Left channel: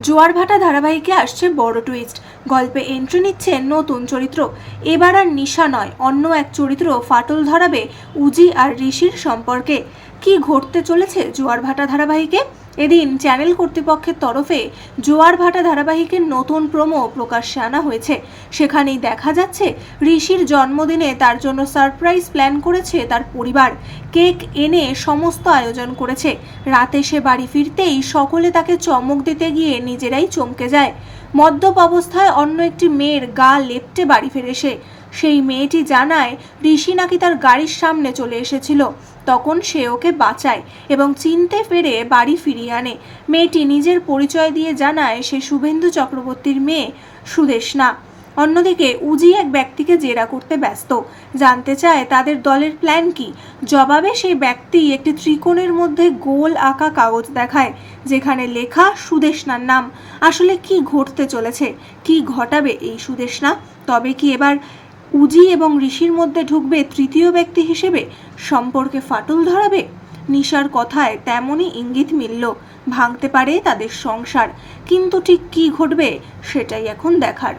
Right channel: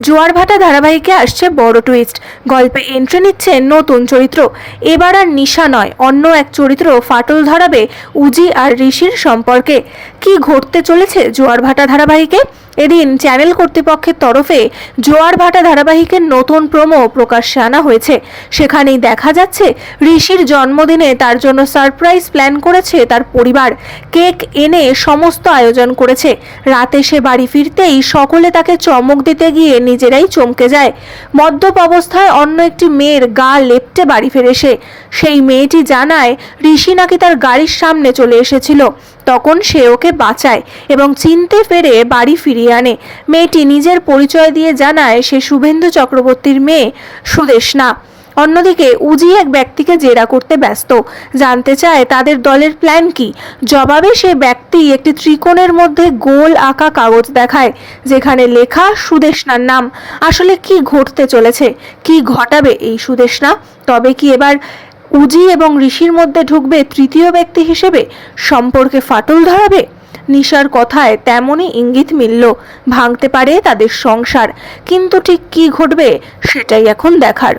জোয়ারভাটা ধারাবাহিকে আসছে বড় টুইস্ট। গল্পে এন্ট্রি নিচ্ছে নতুন চরিত্র। এবার আর নিশা নয়, অন্য এক চরিত্র ফাটল ধরাবে উজি আর ঋষির সম্পর্কে। কি ঘটতে চলেছে জোয়ারভাটা ধারাবাহিকে? এদিন চ্যানেল কর্তৃপক্ষের তরফে জোয়ারভাটা ধারাবাহিকের নতুন প্রোমো প্রকাশ্যে আনা হয়েছে। সেখানেই দেখা যাচ্ছে ঋষির জন্মদিনে তার জন্য সারপ্রাইজ প্ল্যান করেছে তার পরিবার। কেক এনে সমস্ত আয়োজন করেছে। রাতে সে বাড়ি ফিরতেই সকলে তাকে চমক দিতে গিয়ে নিজেরাই চমকে যায়। মদ্যপ অবস্থায় অন্য একটি মেয়ের গা লেপটে বাড়ি ফিরে সে। সেই মেয়েটি জানায় ঋষি নাকি তার গাড়ির সামনে চলে এসেছিল। তখন সে ওকে বাঁচায় এবং চিনতে পেরে বাড়ি ফিরিয়ে আনে। মেয়েটি নিজের পরিচয় দিয়ে জানায় সে শুভেন্দু চক্রবর্তীর মেয়ে সুদেষ্ণা। অন্যদিকে উজি এক ব্যক্তিকে জেরা করতে ব্যস্ত, জানতে চায় তাদের দলের প্ল্যান কি। জবাবে সে ব্যক্তি একটি ত্রিকোণের মধ্যে গোল আঁকা কাগজ দেখায়, যেখানে লেখা সুদেষ্ণার নাম। আসলে কি ঘটতে চলেছে, কি ঘটাবে এই সুদেষ্ণা? তবে কি এবার উজি এবং ঋষির মধ্যে ঢুকবে তৃতীয় ব্যক্তি হিসেবে? সম্পর্কে ফাটল ধরাবে? নিশার কথায় তেমনই ইঙ্গিত মিলল, ভাঙতে পারে তাদের সংসার। কিন্তু ঠিক কি ঘটবে সেটাই এখন দেখার।